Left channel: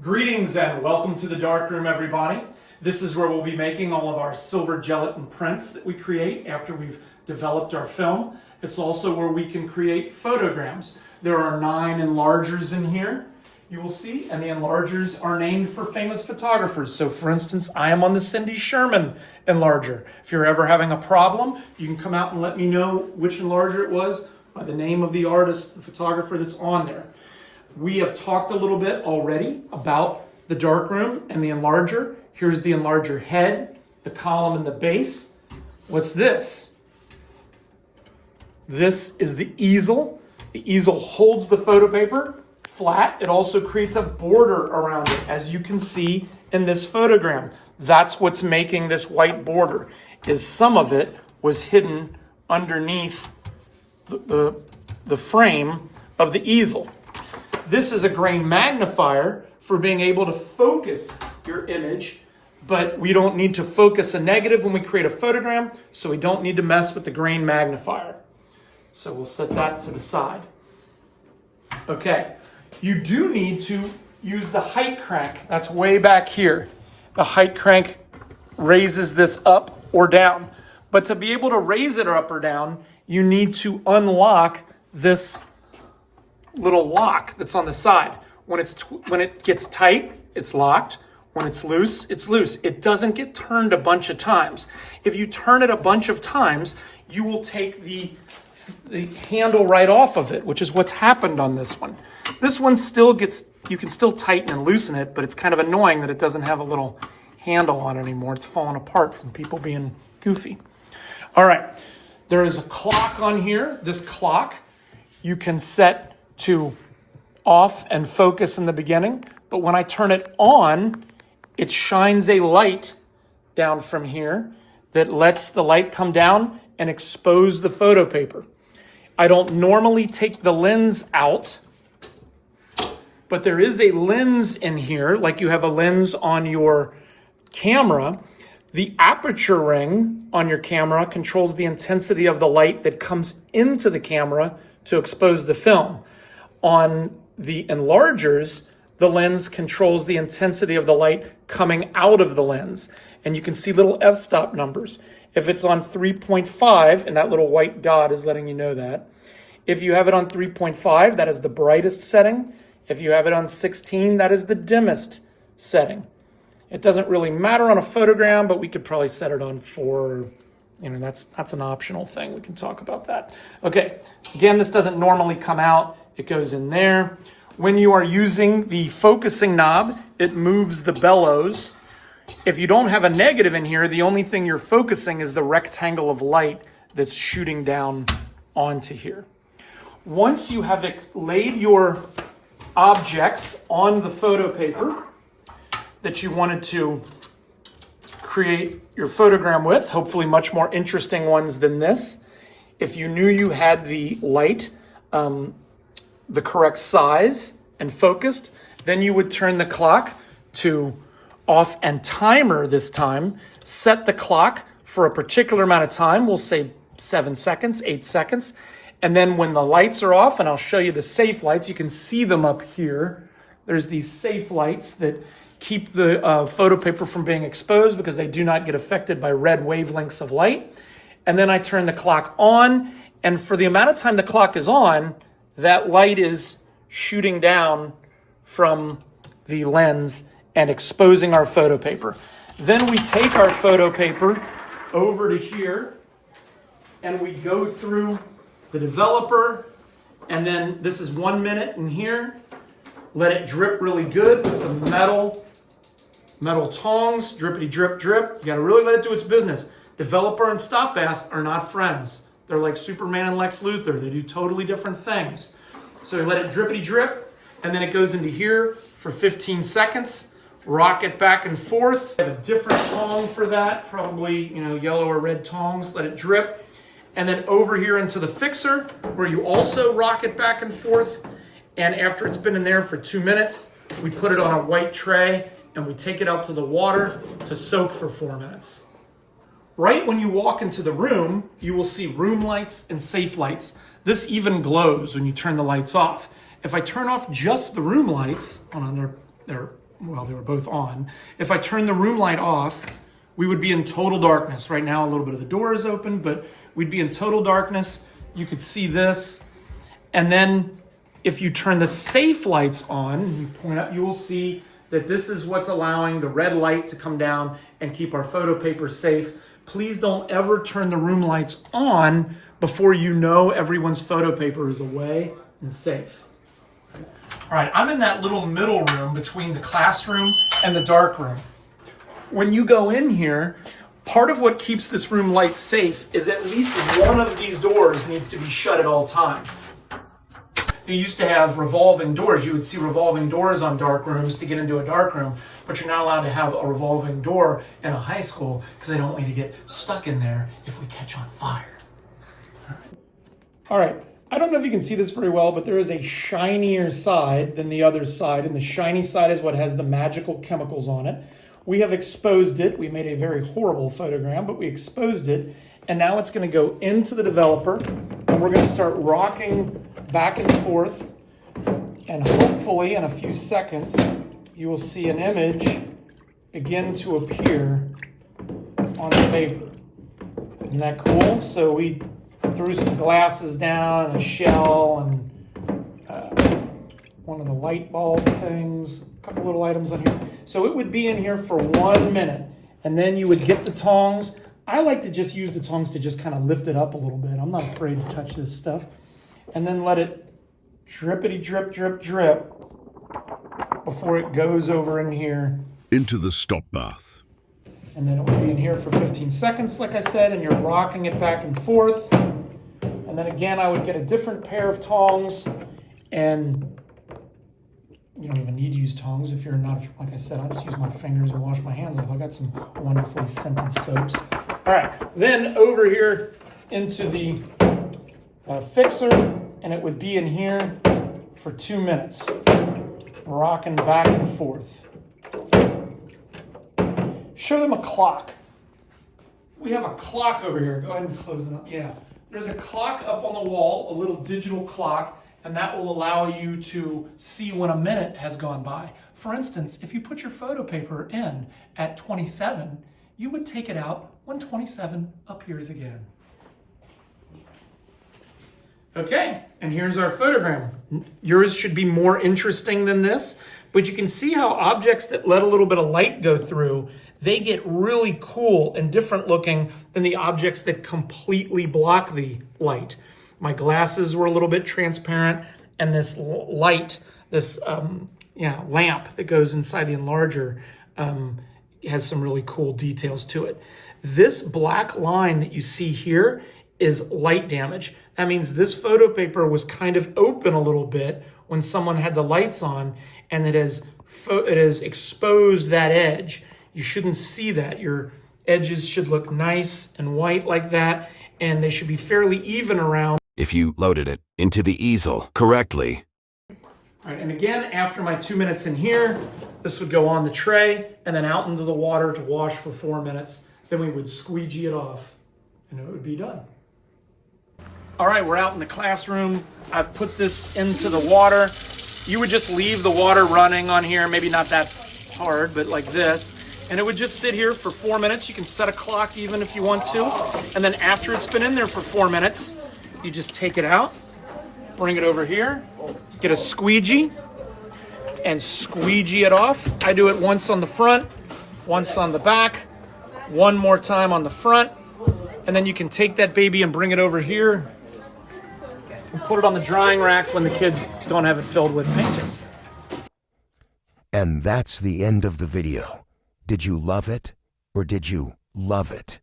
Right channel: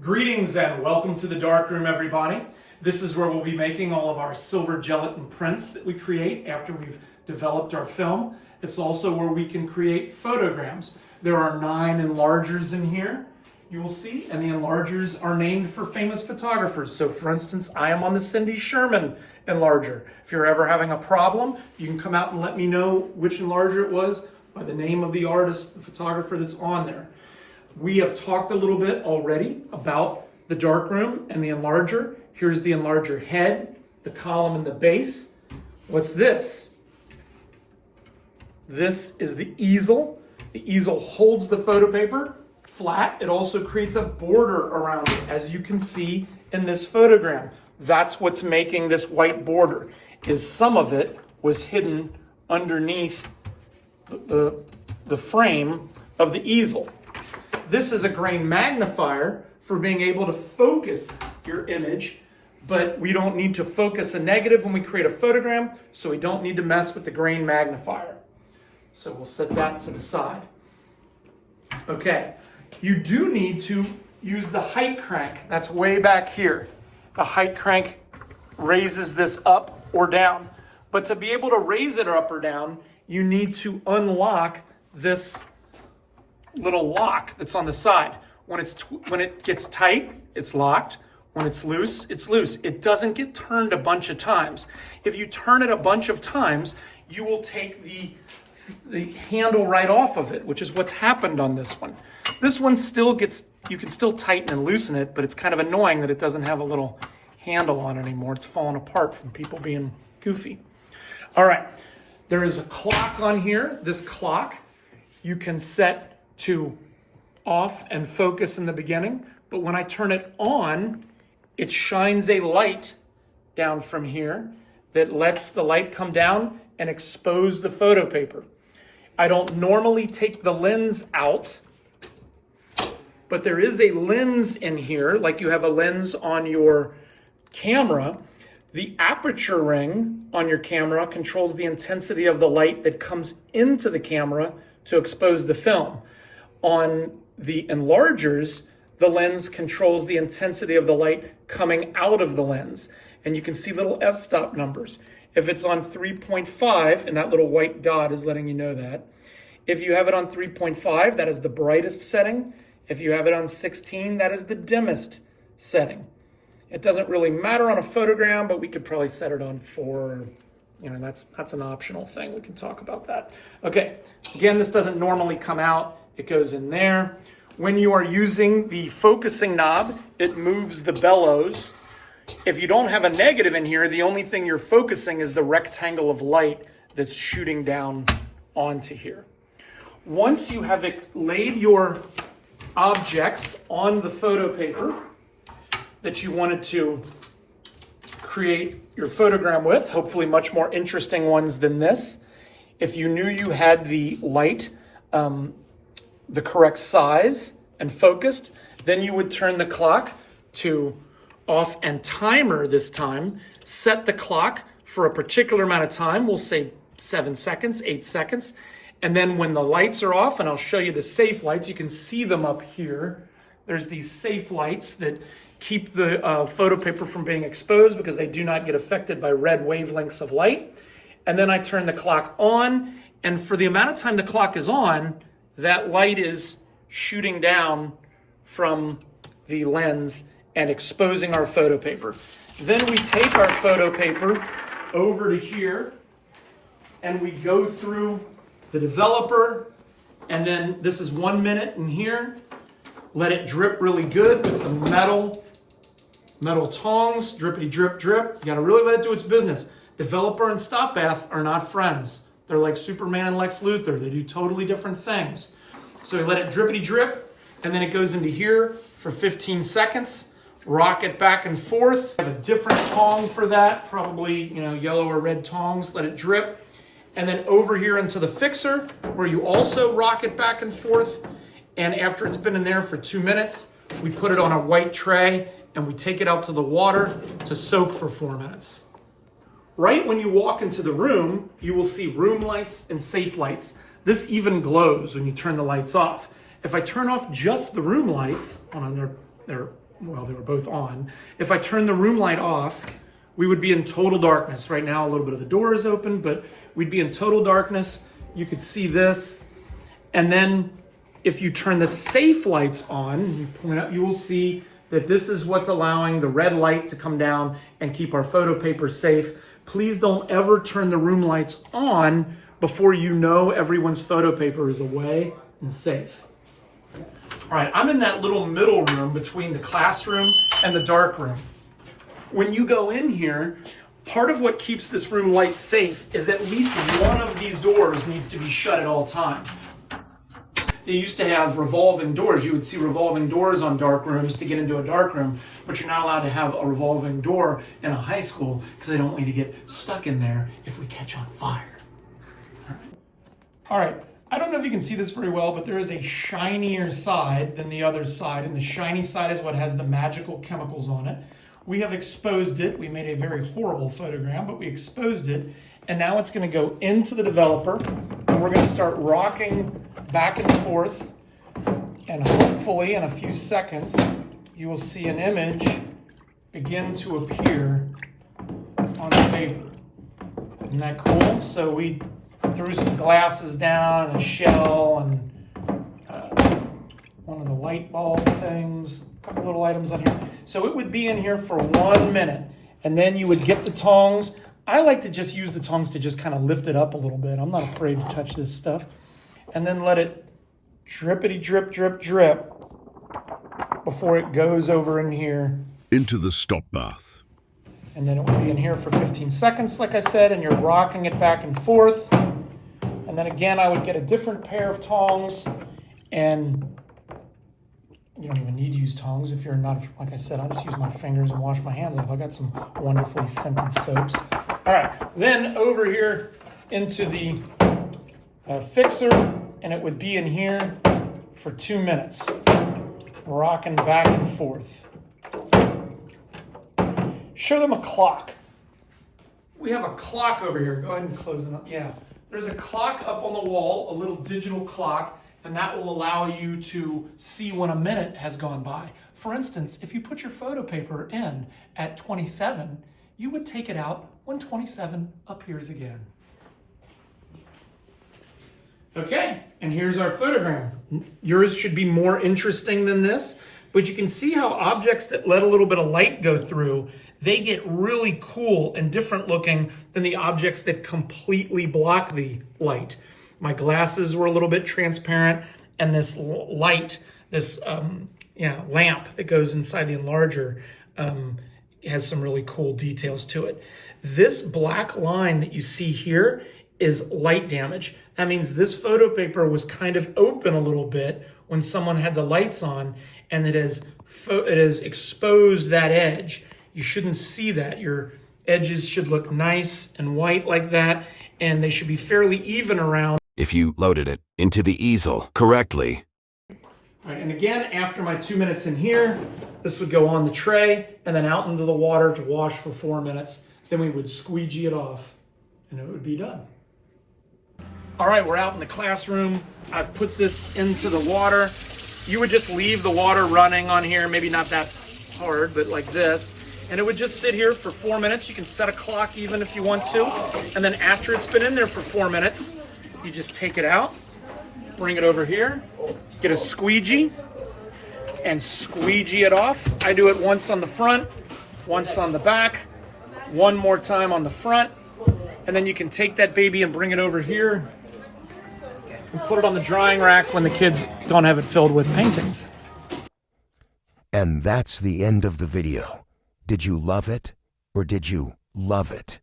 Greetings and welcome to the darkroom, everybody. This is where we'll be making all of our silver gelatin prints that we create after we've developed our film. It's also where we can create photograms. There are 9 enlargers in here, you will see, and the enlargers are named for famous photographers. So for instance, I am on the Cindy Sherman enlarger. If you're ever having a problem, you can come out and let me know which enlarger it was by the name of the artist, the photographer that's on there. We have talked a little bit already about the darkroom and the enlarger. Here's the enlarger head, the column, and the base. What's this? This is the easel. The easel holds the photo paper flat. It also creates a border around it, as you can see in this photogram. That's what's making this white border, is some of it was hidden underneath the frame of the easel. This is a grain magnifier for being able to focus your image, but we don't need to focus a negative when we create a photogram, so we don't need to mess with the grain magnifier. So we'll set that to the side. Okay, you do need to use the height crank. That's way back here. The height crank raises this up or down. But to be able to raise it up or down, you need to unlock this little lock that's on the side. When it gets tight, it's locked. When it's loose, it's loose. It doesn't get turned a bunch of times. If you turn it a bunch of times, you will take the handle right off of it, which is what's happened on this one. This one still gets, you can still tighten and loosen it, but it's kind of annoying that it doesn't have a little handle on it anymore. It's fallen apart from people being goofy. All right, there is a clock on here. This clock you can set to off and focus in the beginning, but when I turn it on, it shines a light down from here that lets the light come down and expose the photo paper. I don't normally take the lens out, but there is a lens in here, like you have a lens on your camera. The aperture ring on your camera controls the intensity of the light that comes into the camera to expose the film. On the enlargers, the lens controls the intensity of the light coming out of the lens. And you can see little f-stop numbers. If it's on 3.5, and that little white dot is letting you know that. If you have it on 3.5, that is the brightest setting. If you have it on 16, that is the dimmest setting. It doesn't really matter on a photogram, but we could probably set it on 4. That's an optional thing. We can talk about that. Okay, again, this doesn't normally come out. It goes in there. When you are using the focusing knob, it moves the bellows. If you don't have a negative in here, the only thing you're focusing is the rectangle of light that's shooting down onto here. Once you have laid your objects on the photo paper that you wanted to create your photogram with, hopefully much more interesting ones than this. If you knew you had the light, the correct size and focused, then you would turn the clock to off and timer this time, set the clock for a particular amount of time. We'll say 7 seconds, 8 seconds. And then when the lights are off, and I'll show you the safe lights, you can see them up here. There's these safe lights that keep the photo paper from being exposed because they do not get affected by red wavelengths of light. And then I turn the clock on, and for the amount of time the clock is on, that light is shooting down from the lens and exposing our photo paper. Then we take our photo paper over to here and we go through the developer, and then this is 1 minute in here. Let it drip really good with the metal tongs, drippity drip drip. You gotta really let it do its business. Developer and stop bath are not friends. They're like Superman and Lex Luthor. They do totally different things. So you let it drippity drip, and then it goes into here for 15 seconds. Rock it back and forth. I have a different tong for that, probably yellow or red tongs. Let it drip. And then over here into the fixer, where you also rock it back and forth. And after it's been in there for 2 minutes, we put it on a white tray and we take it out to the water to soak for 4 minutes. Right when you walk into the room, you will see room lights and safe lights. This even glows when you turn the lights off. If I turn off just the room lights, they were both on. If I turn the room light off, we would be in total darkness. Right now, a little bit of the door is open, but we'd be in total darkness. You could see this. And then if you turn the safe lights on, you point up, you will see that this is what's allowing the red light to come down and keep our photo paper safe. Please don't ever turn the room lights on before you know everyone's photo paper is away and safe. All right, I'm in that little middle room between the classroom and the dark room. When you go in here, part of what keeps this room light safe is at least one of these doors needs to be shut at all times. You used to have revolving doors. You would see revolving doors on dark rooms to get into a dark room, but you're not allowed to have a revolving door in a high school because they don't want you to get stuck in there if we catch on fire. All right, I don't know if you can see this very well, but there is a shinier side than the other side, and the shiny side is what has the magical chemicals on it. We have exposed it. We made a very horrible photogram, but we exposed it, and now it's going to go into the developer, and we're going to start rocking back and forth, and hopefully in a few seconds you will see an image begin to appear on the paper. Isn't that cool? So we threw some glasses down and a shell and one of the light bulb things, a couple little items on here. So it would be in here for 1 minute, and then you would get the tongs. I like to just use the tongs to just kind of lift it up a little bit. I'm not afraid to touch this stuff. And then let it drippity drip, drip, drip before it goes over in here. Into the stop bath. And then it will be in here for 15 seconds, like I said, and you're rocking it back and forth. And then again, I would get a different pair of tongs, and you don't even need to use tongs if you're not, like I said, I just use my fingers and wash my hands off. I got some wonderfully scented soaps. All right, then over here into the fixer, and it would be in here for 2 minutes, rocking back and forth. Show them a clock. We have a clock over here. Go ahead and close it up. Yeah, there's a clock up on the wall, a little digital clock, and that will allow you to see when a minute has gone by. For instance, if you put your photo paper in at 27, you would take it out when 27 appears again. Okay, and here's our photogram. Yours should be more interesting than this, but you can see how objects that let a little bit of light go through, they get really cool and different looking than the objects that completely block the light. My glasses were a little bit transparent, and this light, this lamp that goes inside the enlarger has some really cool details to it. This black line that you see here is light damage. That means this photo paper was kind of open a little bit when someone had the lights on, and it has exposed that edge. You shouldn't see that. Your edges should look nice and white like that, and they should be fairly even around. If you loaded it into the easel correctly. All right, and again, after my 2 minutes in here, this would go on the tray and then out into the water to wash for 4 minutes. Then we would squeegee it off, and it would be done. All right, we're out in the classroom. I've put this into the water. You would just leave the water running on here, maybe not that hard, but like this. And it would just sit here for 4 minutes. You can set a clock even if you want to. And then after it's been in there for 4 minutes, you just take it out, bring it over here, get a squeegee, and squeegee it off. I do it once on the front, once on the back, one more time on the front, and then you can take that baby and bring it over here and put it on the drying rack when the kids don't have it filled with paintings. And that's the end of the video. Did you love it or did you love it?